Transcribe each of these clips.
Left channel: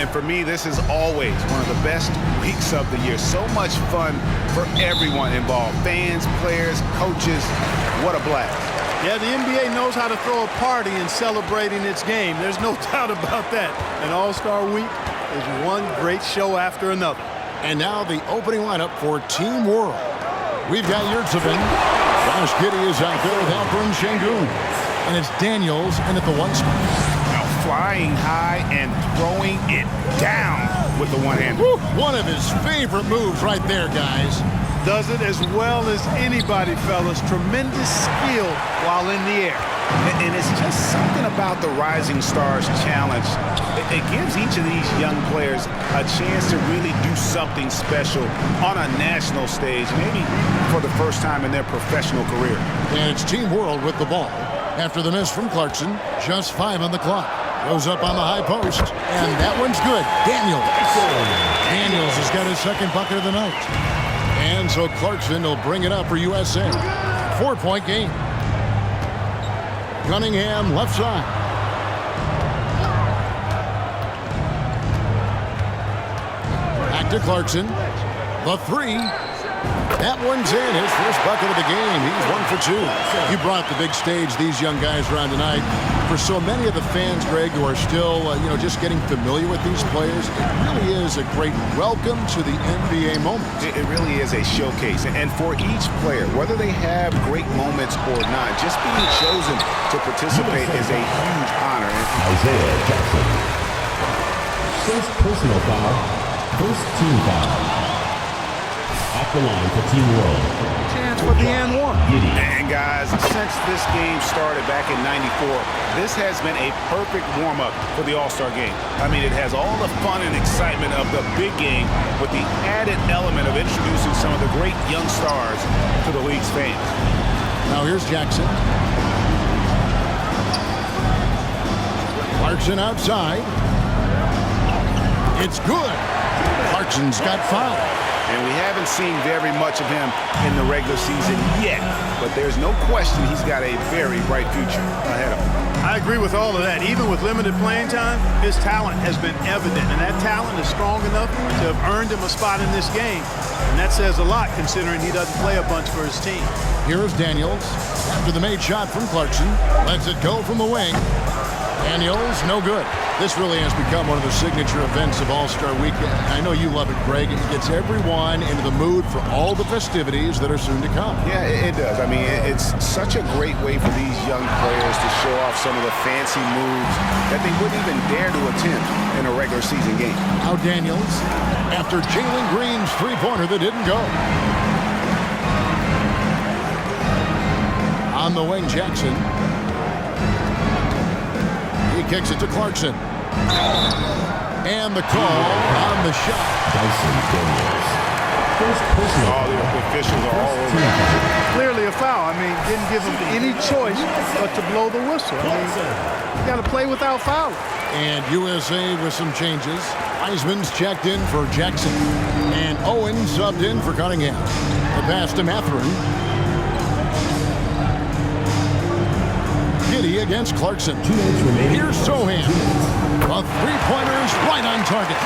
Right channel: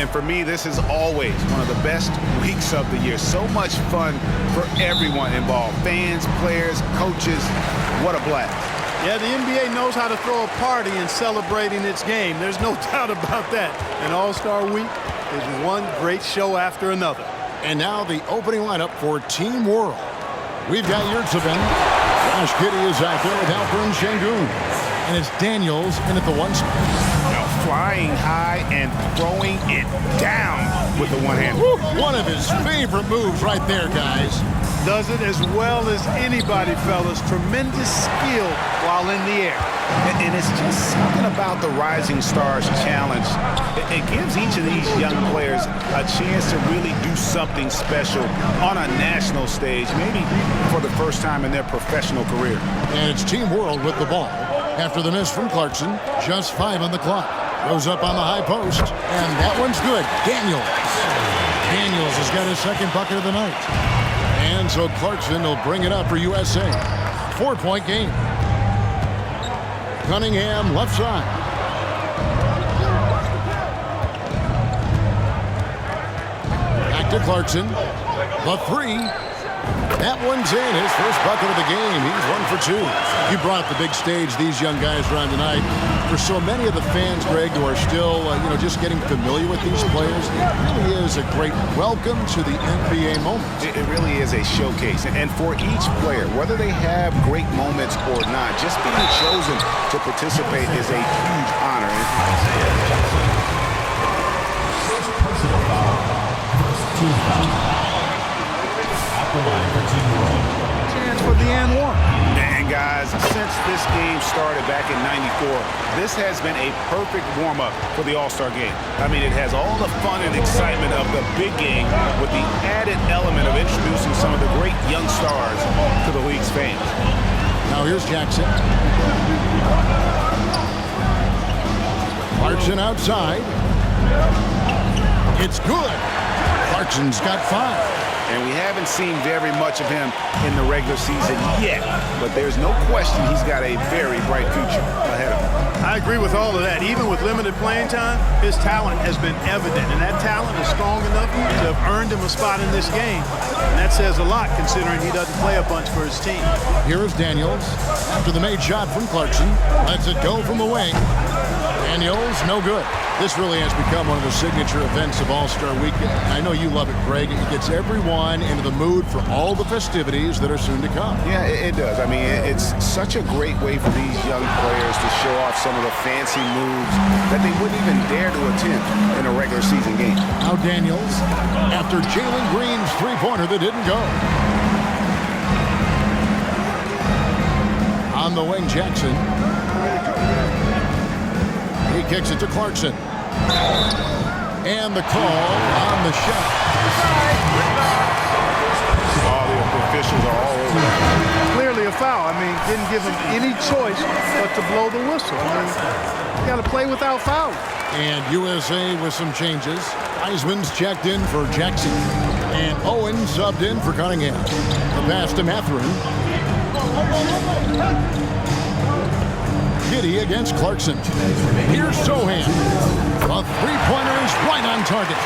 And for me, this is always one of the best weeks of the year. So much fun for everyone involved. Fans, players, coaches. What a blast. Yeah, the NBA knows how to throw a party in celebrating its game. There's no doubt about that. An All-Star Week is one great show after another. And now the opening lineup for Team World. We've got Yurtsevin. Josh Giddey is out there with Alperen Şengün. And it's Daniels in at the 1 spot. Now flying high and throwing it down with the one-hand. One of his favorite moves right there, guys. Does it as well as anybody, fellas. Tremendous skill while in the air. And it's just something about the Rising Stars Challenge. It gives each of these young players a chance to really do something special on a national stage, maybe for the first time in their professional career. And it's Team World with the ball. After the miss from Clarkson, just 5 on the clock. Goes up on the high post, and that one's good. Daniels. Daniels has got his second bucket of the night. And so Clarkson will bring it up for USA. 4-point game. Cunningham left side. Back to Clarkson. The 3. That one's in. His first bucket of the game. He's 1 for 2. You brought the big stage these young guys around tonight. For so many of the fans, Greg, who are still, just getting familiar with these players, it really is a great welcome to the NBA moment. It really is a showcase. And for each player, whether they have great moments or not, just being chosen to participate is a huge honor. Isaiah Jackson. First personal foul. First team foul. At the line for Team World. Chance for the and 1. And guys, since this game started back in '94, this has been a perfect warm-up for the All-Star game. I mean, it has all the fun and excitement of the big game with the added element of introducing some of the great young stars to the league's fans. Now here's Jackson. Clarkson outside. It's good. Clarkson's got 5. And we haven't seen very much of him in the regular season yet, but there's no question he's got a very bright future ahead of him. I agree with all of that. Even with limited playing time, his talent has been evident, and that talent is strong enough to have earned him a spot in this game. And that says a lot considering he doesn't play a bunch for his team. Here is Daniels. After the made shot from Clarkson, lets it go from the wing. Daniels, no good. This really has become one of the signature events of All-Star Weekend. I know you love it, Greg. It gets everyone into the mood for all the festivities that are soon to come. Yeah, it does. I mean, it's such a great way for these young players to show off some of the fancy moves that they wouldn't even dare to attempt in a regular season game. Now Daniels, after Jalen Green's three-pointer that didn't go. On the wing, Jackson. He kicks it to Clarkson. And the call on the shot. All the officials are all over that. Clearly a foul. I mean, didn't give him any choice but to blow the whistle. I mean, you got to play without foul. And USA with some changes. Eisman's checked in for Jackson. And Owen subbed in for Cunningham. The pass to Mathurin. Giddey against Clarkson. Here's Sohan. A three-pointer is right on target.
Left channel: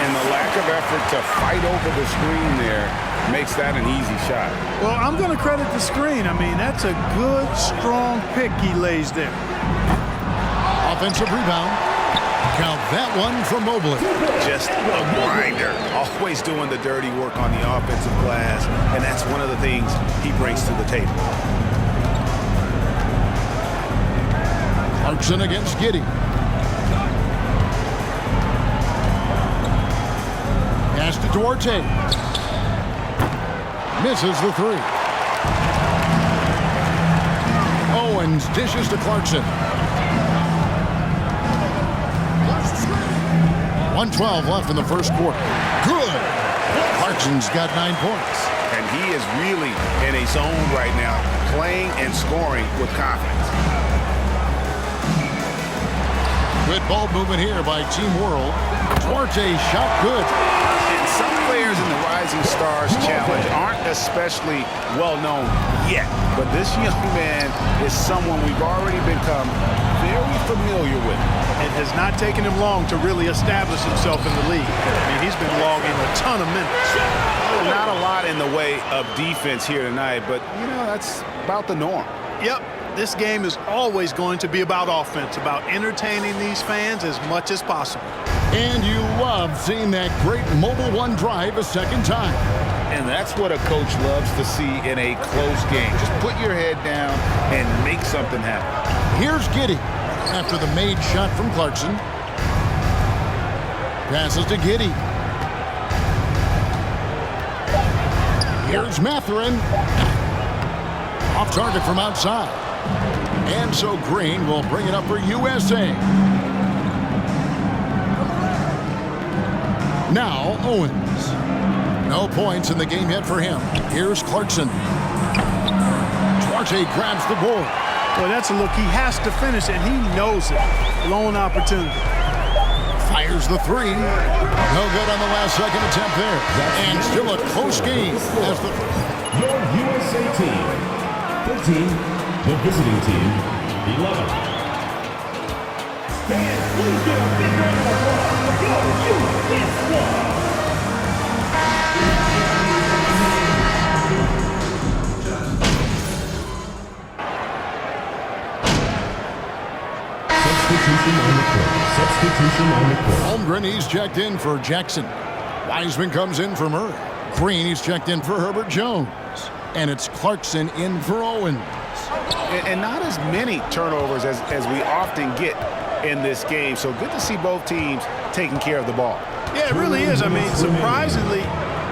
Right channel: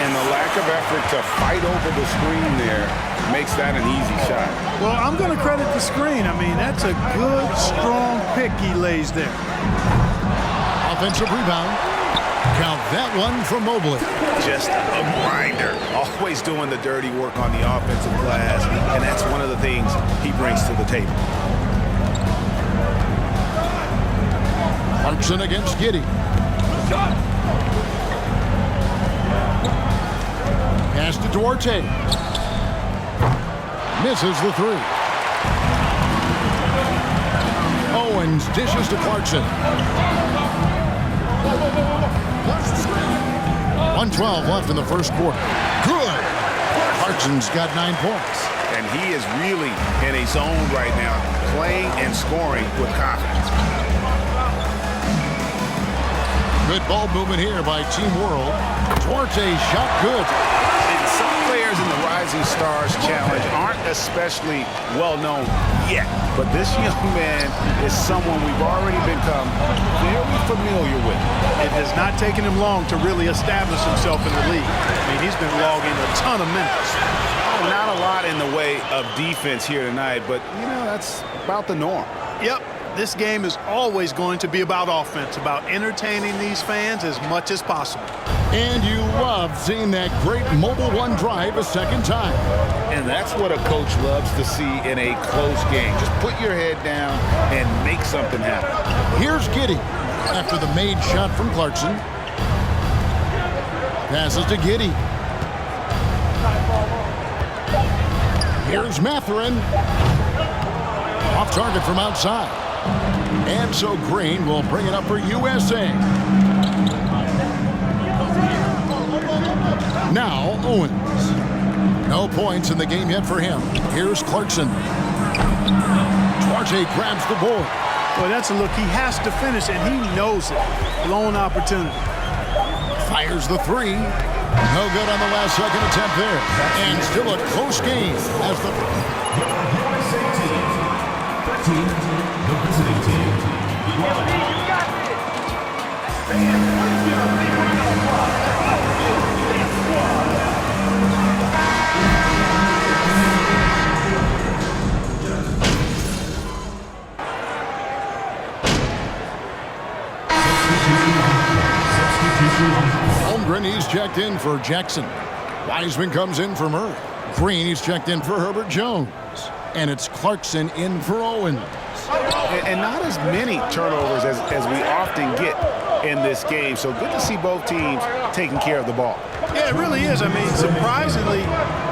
And the lack of effort to fight over the screen there makes that an easy shot. Well, I'm going to credit the screen. I mean, that's a good, strong pick he lays there. Offensive rebound. Count that one from Mobley. Just a grinder. Always doing the dirty work on the offensive glass. And that's one of the things he brings to the table. Clarkson against Giddey. Pass to Duarte. Misses the 3. Owens dishes to Clarkson. 1:12 left in the first quarter. Good. Clarkson's got 9 points. And he is really in a zone right now, playing and scoring with confidence. Good ball movement here by Team World. Duarte shot good. And some players in the Rising Stars Challenge aren't especially well known yet. But this young man is someone we've already become very familiar with. It has not taken him long to really establish himself in the league. I mean, he's been logging a ton of minutes. Not a lot in the way of defense here tonight, but, you know, that's about the norm. Yep, this game is always going to be about offense, about entertaining these fans as much as possible. And you love seeing that great Mobile One drive a second time. And that's what a coach loves to see in a close game. Just put your head down and make something happen. Here's Giddey after the made shot from Clarkson. Passes to Giddey. Here's Mathurin. Off target from outside. And so Green will bring it up for USA. Now Owens. No points in the game yet for him. Here's Clarkson. Duarte grabs the board. Boy, that's a look he has to finish, and he knows it. Blown opportunity. Fires the three. No good on the last second attempt there. And still a close game as the Your USA team, 13. The visiting team, 11. Fans, please give a big round of applause to the USA squad. Substitution on the court. Holmgren, he's checked in for Jackson. Wiseman comes in for Murray. Green, he's checked in for Herbert Jones. And it's Clarkson in for Owens. And not as many turnovers as we often get in this game. So good to see both teams taking care of the ball. Yeah, it really is. I mean, surprisingly,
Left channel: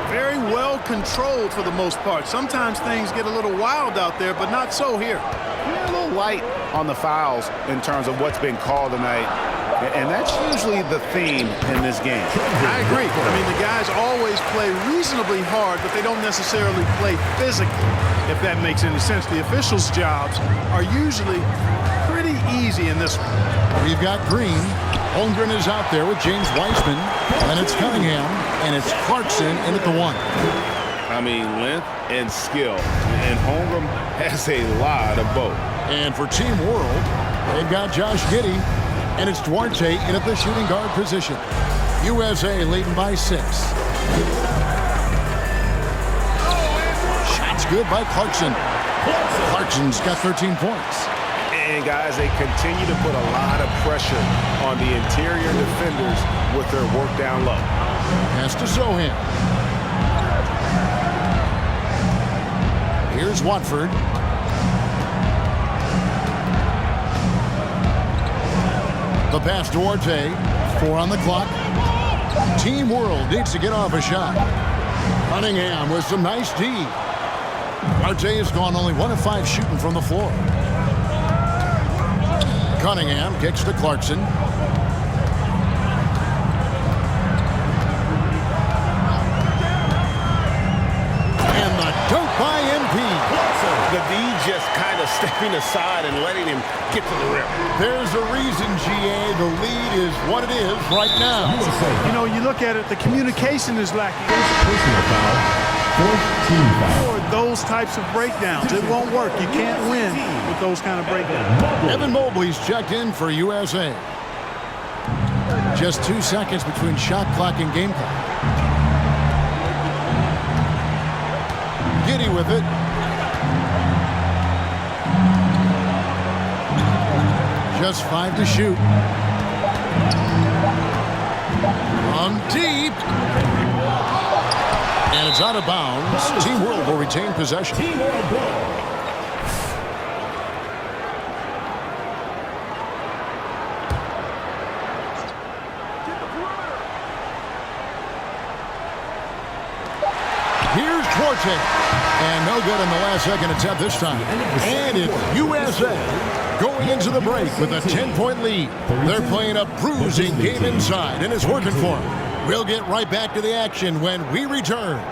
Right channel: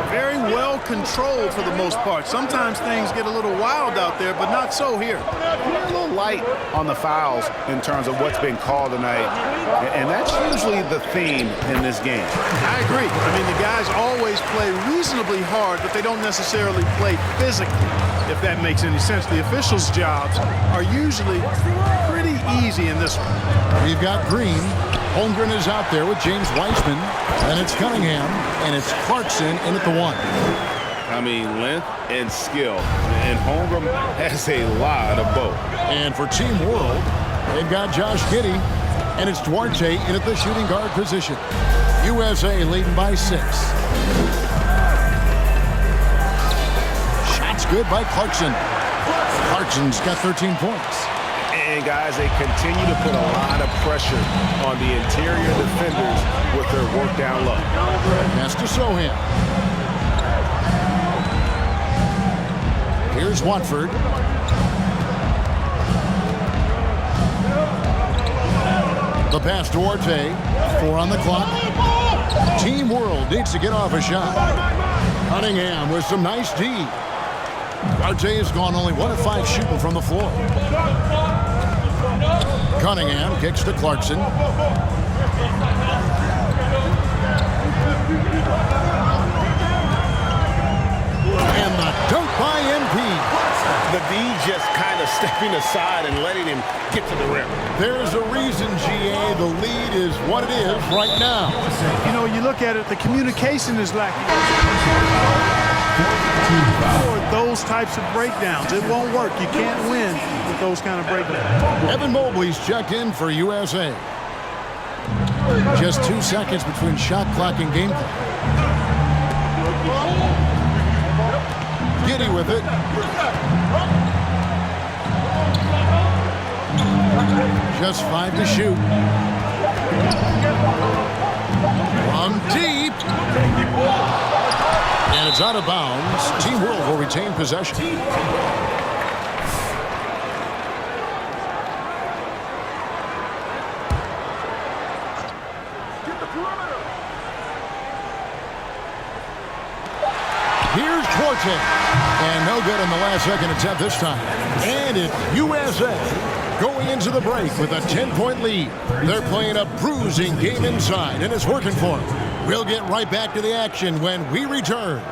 very well controlled for the most part. Sometimes things get a little wild out there, but not so here. We're a little light on the fouls in terms of what's been called tonight, and that's usually the theme in this game. I agree. I mean, the guys always play reasonably hard, but they don't necessarily play physically, if that makes any sense. The officials' jobs are usually pretty easy in this one. We've got Green. Holmgren is out there with James Wiseman. Then it's Cunningham, and it's Clarkson in at the one. I mean, length and skill, and Holmgren has a lot of both. And for Team World, they've got Josh Giddey, and it's Duarte in at the shooting guard position. USA leading by 6. Shots good by Clarkson. Clarkson's got 13 points. And, guys, they continue to put a lot of pressure on the interior defenders with their work down low. Pass to Sohan. Here's Watford. The pass to Duarte. 4 on the clock. Team World needs to get off a shot. Cunningham with some nice D. Duarte has gone only 1 of 5 shooting from the floor. Cunningham kicks to Clarkson. And the dunk by MP. The D just kind of stepping aside and letting him get to the rim. There's a reason, GA, the lead is what it is right now. You know, you look at it, the communication is lacking. Personal foul. 14 foul. Or those types of breakdowns. It won't work. You can't win with those kind of breakdowns. Evan Mobley's checked in for USA. Just 2 seconds between shot clock and game clock. Giddey with it. Just 5 to shoot. From deep. And it's out of bounds. Team World will retain possession. Here's Duarte. And no good in the last second attempt this time. And it's USA going into the break with a 10-point lead. They're playing a bruising game inside, and it's working for them. We'll get right back to the action when we return.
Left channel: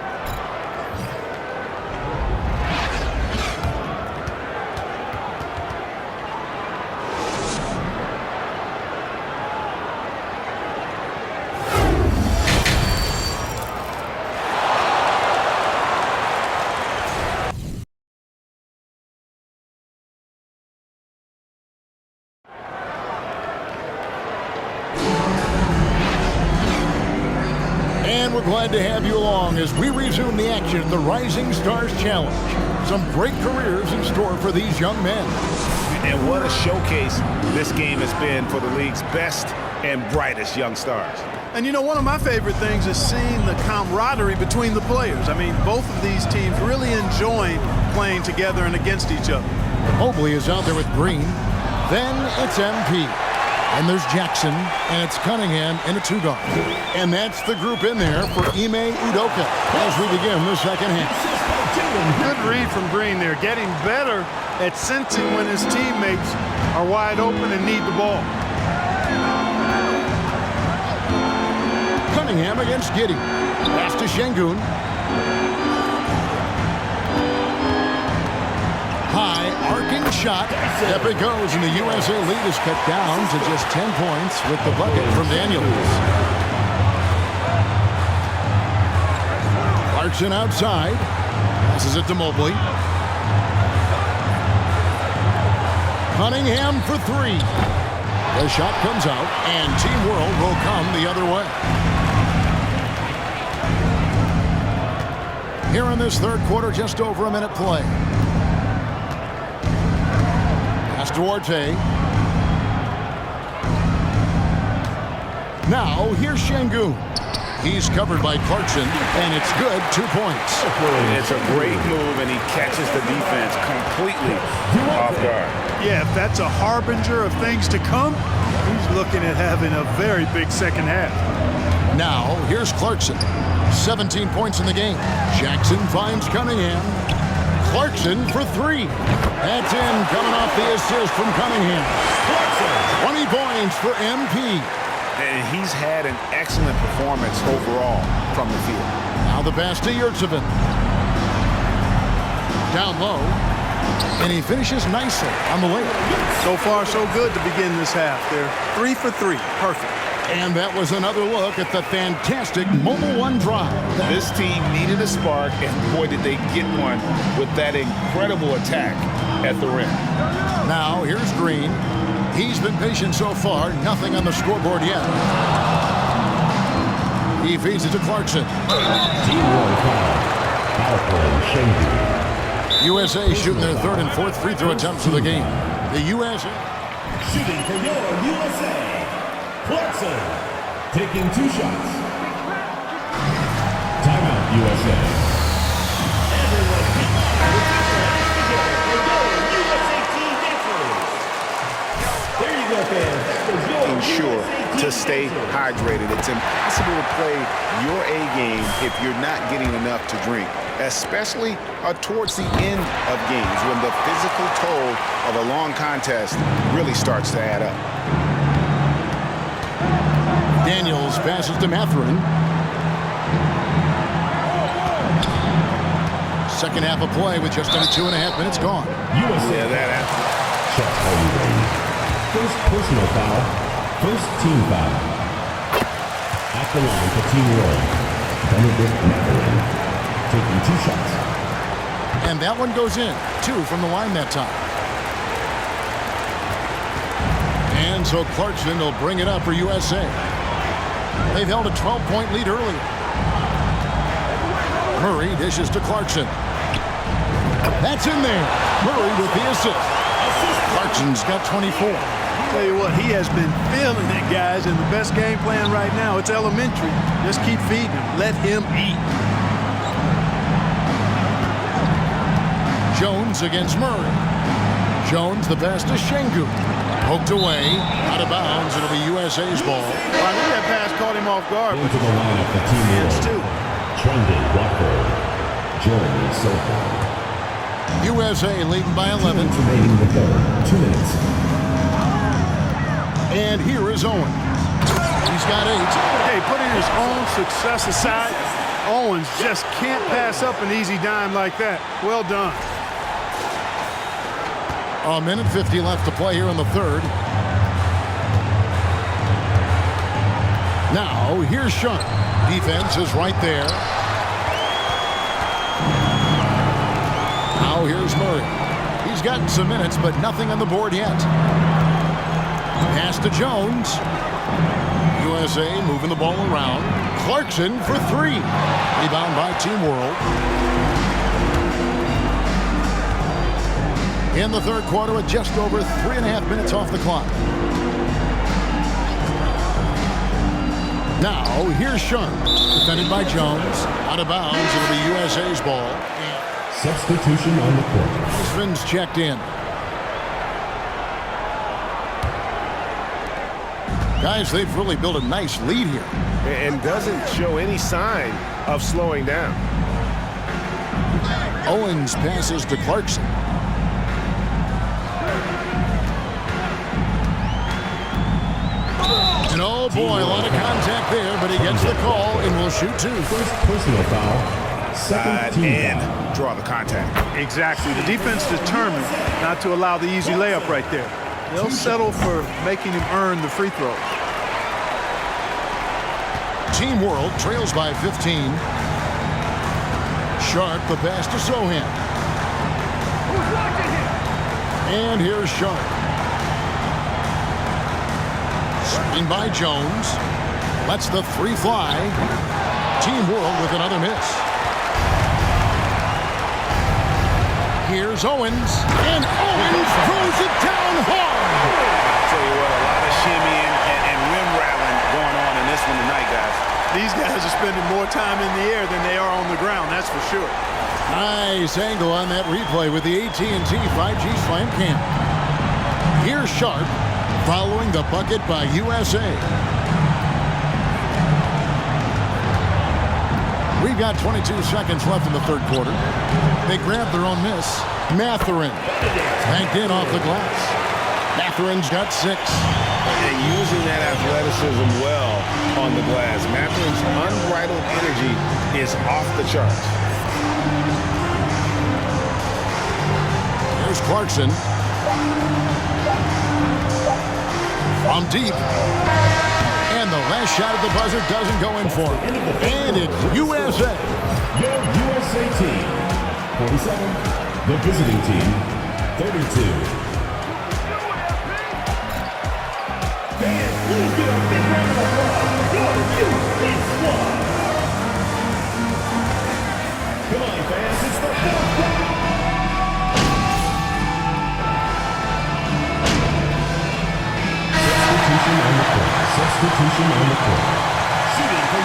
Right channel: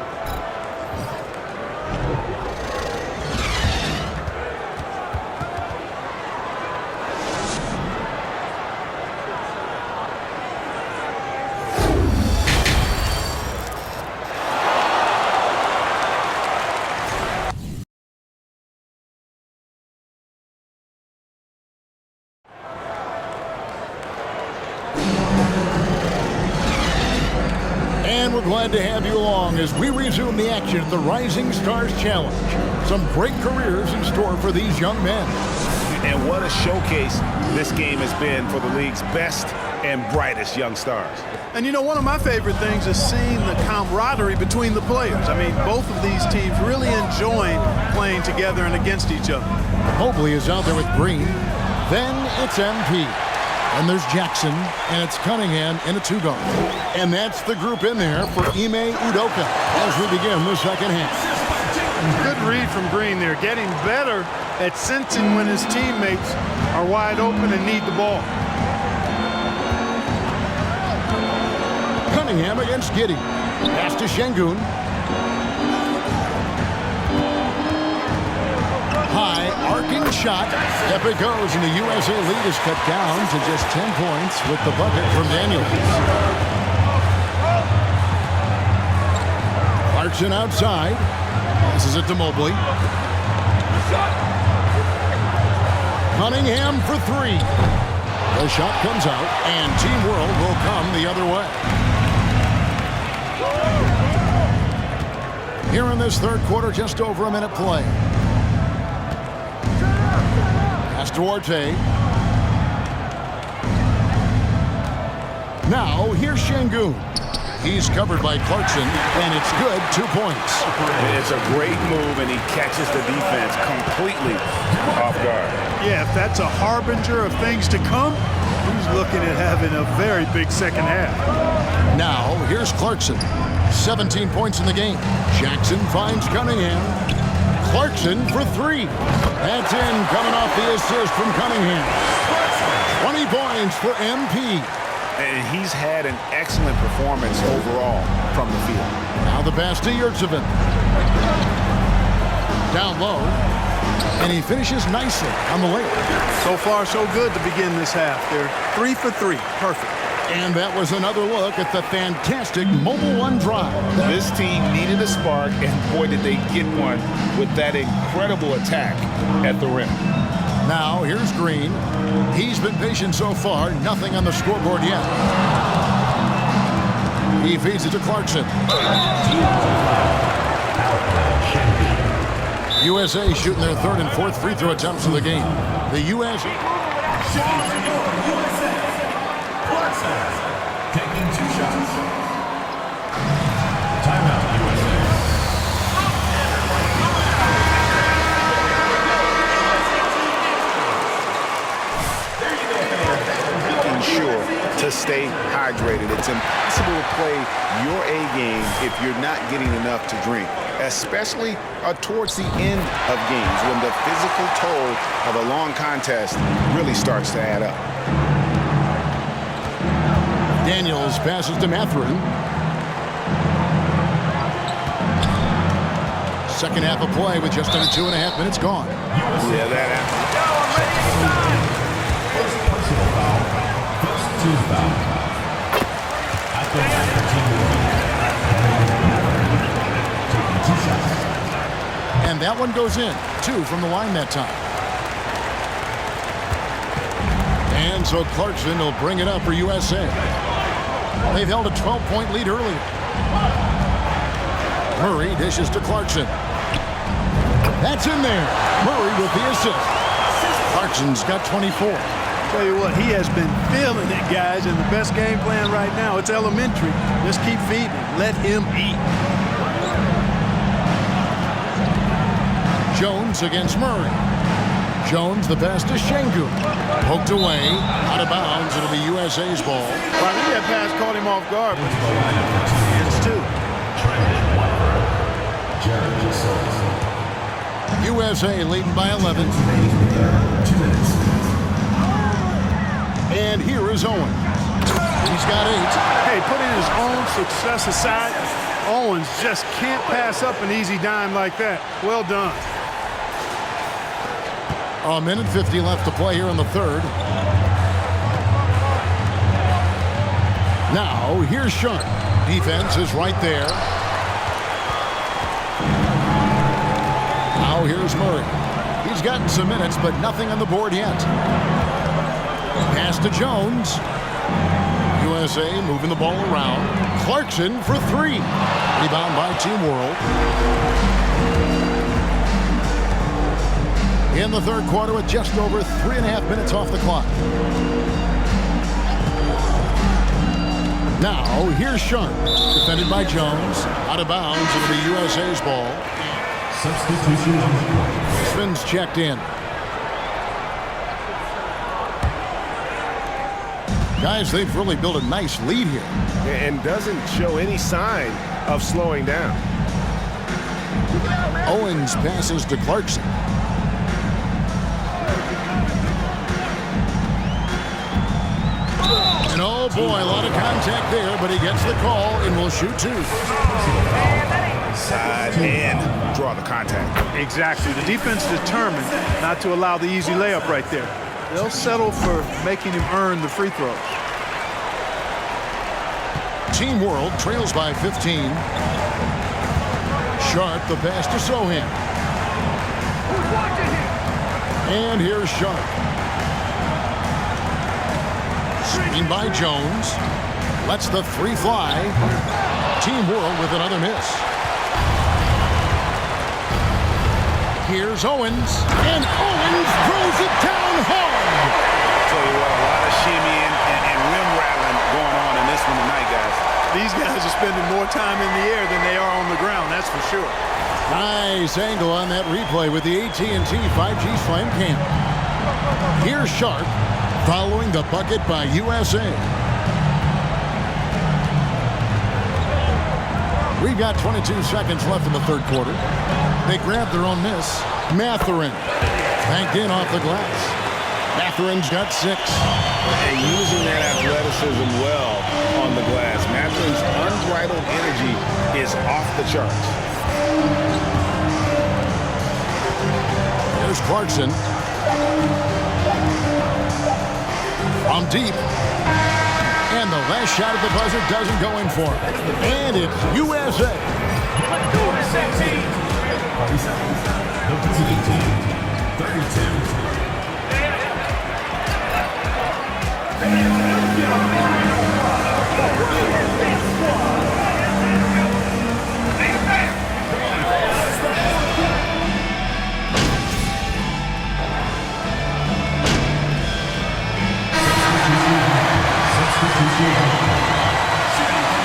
And we're glad to have you along as we resume the action at the Rising Stars Challenge. Some great careers in store for these young men. And what a showcase this game has been for the league's best and brightest young stars. And you know, one of my favorite things is seeing the camaraderie between the players. I mean, both of these teams really enjoying playing together and against each other. Mobley is out there with Green. Then it's MP. And there's Jackson, and it's Cunningham in a two-guard. And that's the group in there for Ime Udoka as we begin the second half. Good read from Green there, getting better at sensing when his teammates are wide open and need the ball. Cunningham against Giddey. Pass to Şengün. High arcing shot. Up it goes, and the USA lead is cut down to just 10 points with the bucket from Daniels. Clarkson outside. Passes it to Mobley. Cunningham for three. The shot comes out, and Team World will come the other way. Here in this third quarter, just over a minute play. Pass to Duarte. Now, here's Şengün. He's covered by Clarkson, and it's good, 2 points. It's a great move, and he catches the defense completely off guard. Yeah, if that's a harbinger of things to come, he's looking at having a very big second half. Now, here's Clarkson. 17 points in the game. Jackson finds Cunningham. Clarkson for three. That's in, coming off the assist from Cunningham. 20 points for MP. And he's had an excellent performance overall from the field. Now the pass to Yurtseven. Down low. And he finishes nicely on the layup. So far, so good to begin this half. They're 3 for 3. Perfect. And that was another look at the fantastic Mobile One drive. This team needed a spark, and boy, did they get one with that incredible attack at the rim. Now, here's Green. He's been patient so far. Nothing on the scoreboard yet. He feeds it to Clarkson. USA shooting their third and fourth free throw attempts of the game. The USA Shooting for your USA. Clarkson taking 2 shots. Timeout, USA. There you go, fans. Making sure to stay hydrated. It's impossible to play your A game if you're not getting enough to drink, especially towards the end of games when the physical toll of a long contest really starts to add up. Daniels passes to Mathurin. Second half of play with just under 2.5 minutes gone. Yeah, that happened. First personal foul. First team foul. At the line for Team World. Benedict Mathurin taking 2 shots. And that one goes in. 2 from the line that time. And so Clarkson will bring it up for USA. They've held a 12-point lead earlier. Murray dishes to Clarkson. That's in there. Murray with the assist. Clarkson's got 24. Tell you what, he has been feeling it, guys, and the best game plan right now, it's elementary. Just keep feeding him. Let him eat. Jones against Murray. Jones, the pass to Şengün. Poked away, out of bounds. It'll be USA's ball. Well, I think that pass caught him off guard, but Into the lineup for Team hands World. too. Trendon Watford. Jeremy Silva. USA leading by 11. Remaining in the third. 2 minutes. And here is Owens. He's got 8. Hey, putting his own success aside, Owens just can't pass up an easy dime like that. Well done. A minute 50 left to play here in the third. Now, here's Sharp. Defense is right there. Now, here's Murray. He's gotten some minutes, but nothing on the board yet. Pass to Jones. USA moving the ball around. Clarkson for three. Rebound by Team World. In the third quarter with just over 3.5 minutes off the clock. Now, here's Sharp. Defended by Jones. Out of bounds. It'll be USA's ball. Substitution on the court. Weissman's checked in. Guys, they've really built a nice lead here. And doesn't show any sign of slowing down. Owens passes to Clarkson. And oh boy, a lot of contact there, but he gets the call and will shoot two. First personal foul. Side and draw the contact. Exactly. The defense determined not to allow the easy layup right there. They'll settle for making him earn the free throw. Team World trails by 15. Sharp, the pass to Sohan. Who's watching here? And here's Sharp. Screen by Jones. Lets the three fly. Team World with another miss. Here's Owens. And Owens throws it down hard. I'll tell you what, a lot of shimmying and rim rattling going on in this one tonight, guys. These guys are spending more time in the air than they are on the ground, that's for sure. Nice angle on that replay with the AT&T 5G Slam Cam. Here's Sharp following the bucket by USA. We've got 22 seconds left in the third quarter. They grabbed their own miss. Mathurin banked in off the glass. Mathurin's got 6. And using that athleticism well on the glass. Mathurin's unbridled energy is off the charts. Here's Clarkson. From deep. And the last shot at the buzzer doesn't go in for him. And it's USA. USA team 47. The visiting team 32. Substitution on the court. Shooting for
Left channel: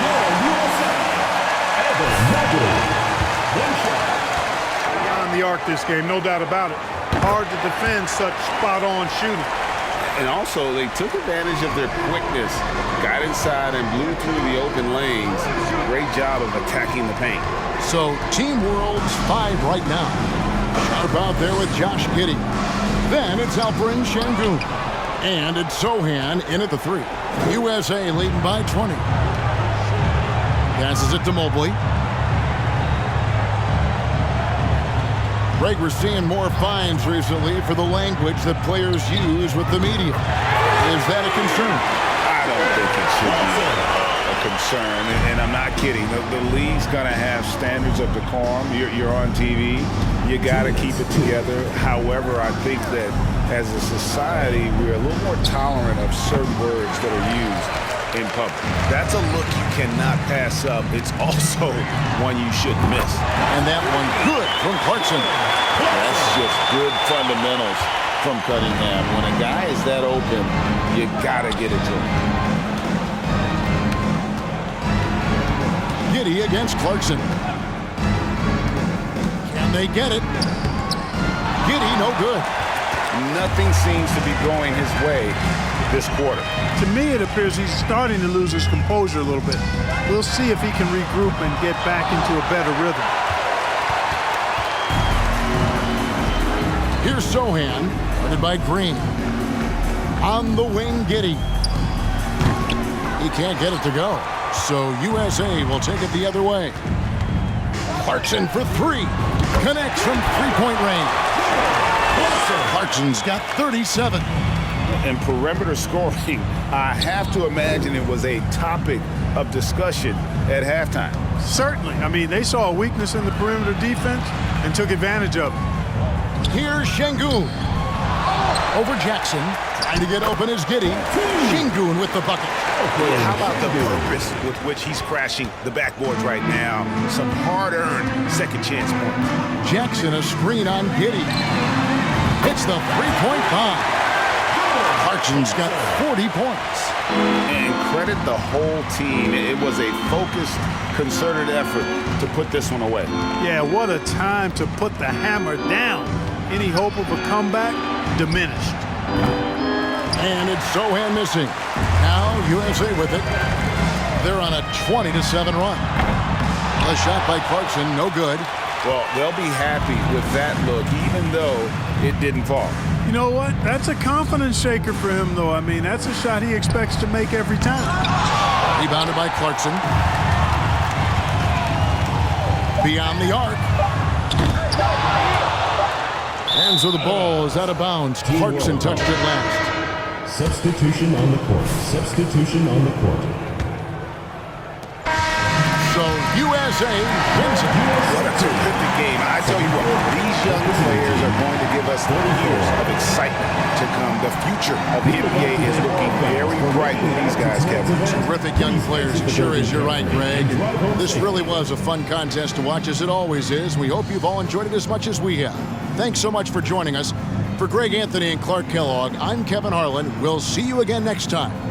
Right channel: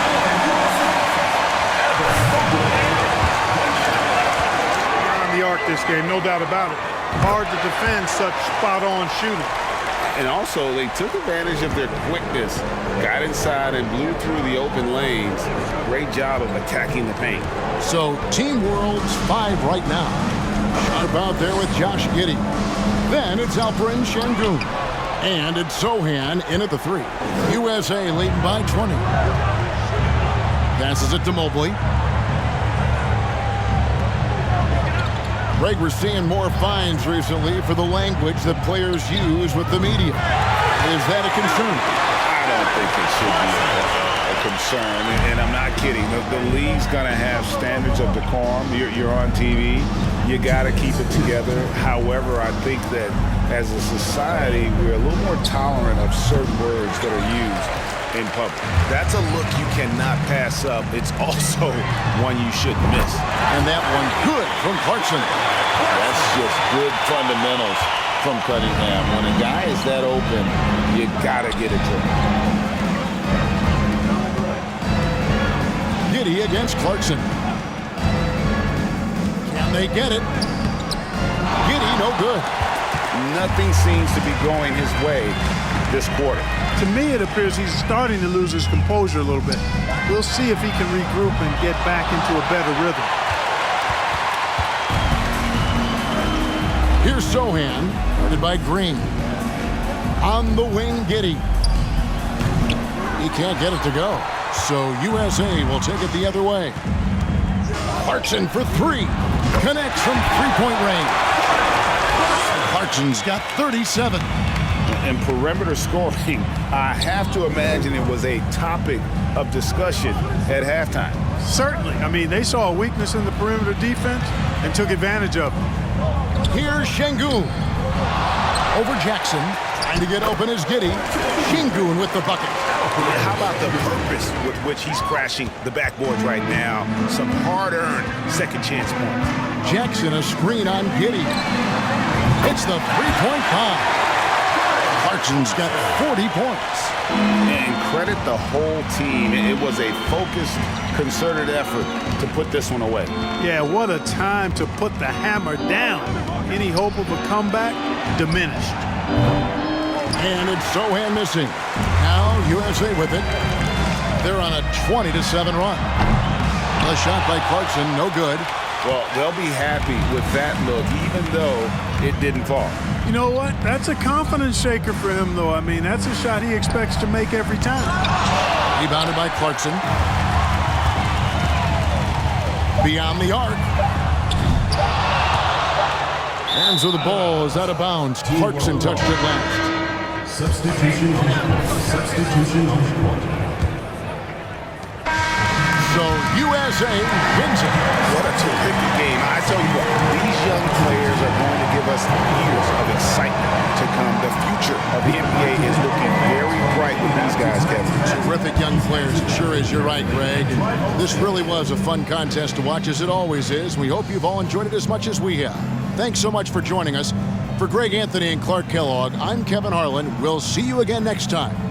USA. Evan Mobley. One shot. Beyond the arc this game, no doubt about it. Hard to defend such spot-on shooting. And also, they took advantage of their quickness. Got inside and blew through the open lanes. Great job of attacking the paint. So Team World's 5 right now. Sharp out there with Josh Giddey. Then it's Alperen Şengün. And it's Sohan in at the 3. USA leading by 20. Passes it to Mobley. Greg, we're seeing more fines recently for the language that players use with the media. Is that a concern? I don't think it should be a concern, and I'm not kidding. The league's going to have standards of decorum. You're on TV. You got to keep it together. However, I think that as a society, we're a little more tolerant of certain words that are used in public. That's a look you cannot pass up. It's also one you shouldn't miss. And that one good from Clarkson. That's just good fundamentals from Cunningham. When a guy is that open, you got to get it to him. Giddey against Clarkson. Can they get it? Giddey, no good. Nothing seems to be going his way this quarter. To me, it appears he's starting to lose his composure a little bit. We'll see if he can regroup and get back into a better rhythm. Here's Sohan, guarded by Green. On the wing, Giddey. He can't get it to go. So USA will take it the other way. Clarkson for 3. Connects from three-point range. Clarkson's got 37. And perimeter scoring, I have to imagine it was a topic of discussion at halftime. Certainly. I mean, they saw a weakness in the perimeter defense and took advantage of it. Here's Şengün. Over Jackson. Trying to get open is Giddey. Şengün with the bucket. Yeah, how about the purpose with which he's crashing the backboards right now? Some hard-earned second chance points. Jackson, a screen on Giddey. It's the three-point bomb. Clarkson's got 40 points. And credit the whole team. It was a focused, concerted effort to put this one away. Yeah, what a time to put the hammer down. Any hope of a comeback diminished. And it's Sohan missing. Now USA with it. They're on a 20-7 run. A shot by Clarkson, no good. Well, they'll be happy with that look, even though it didn't fall. You know what? That's a confidence shaker for him, though. I mean, that's a shot he expects to make every time. Rebounded by Clarkson. Beyond the arc. And so the ball is out of bounds. Clarkson touched it last. Substitution on the court. Substitution on the court. So USA wins it. What a terrific game. I tell you what, these young players are going to give us years of excitement to come. The future of the NBA is looking very bright with these guys, Kevin. Terrific young players. It sure is. You're right, Greg. And this really was a fun contest to watch, as it always is. We hope you've all enjoyed it as much as we have. Thanks so much for joining us. For Greg Anthony and Clark Kellogg, I'm Kevin Harlan. We'll see you again next time.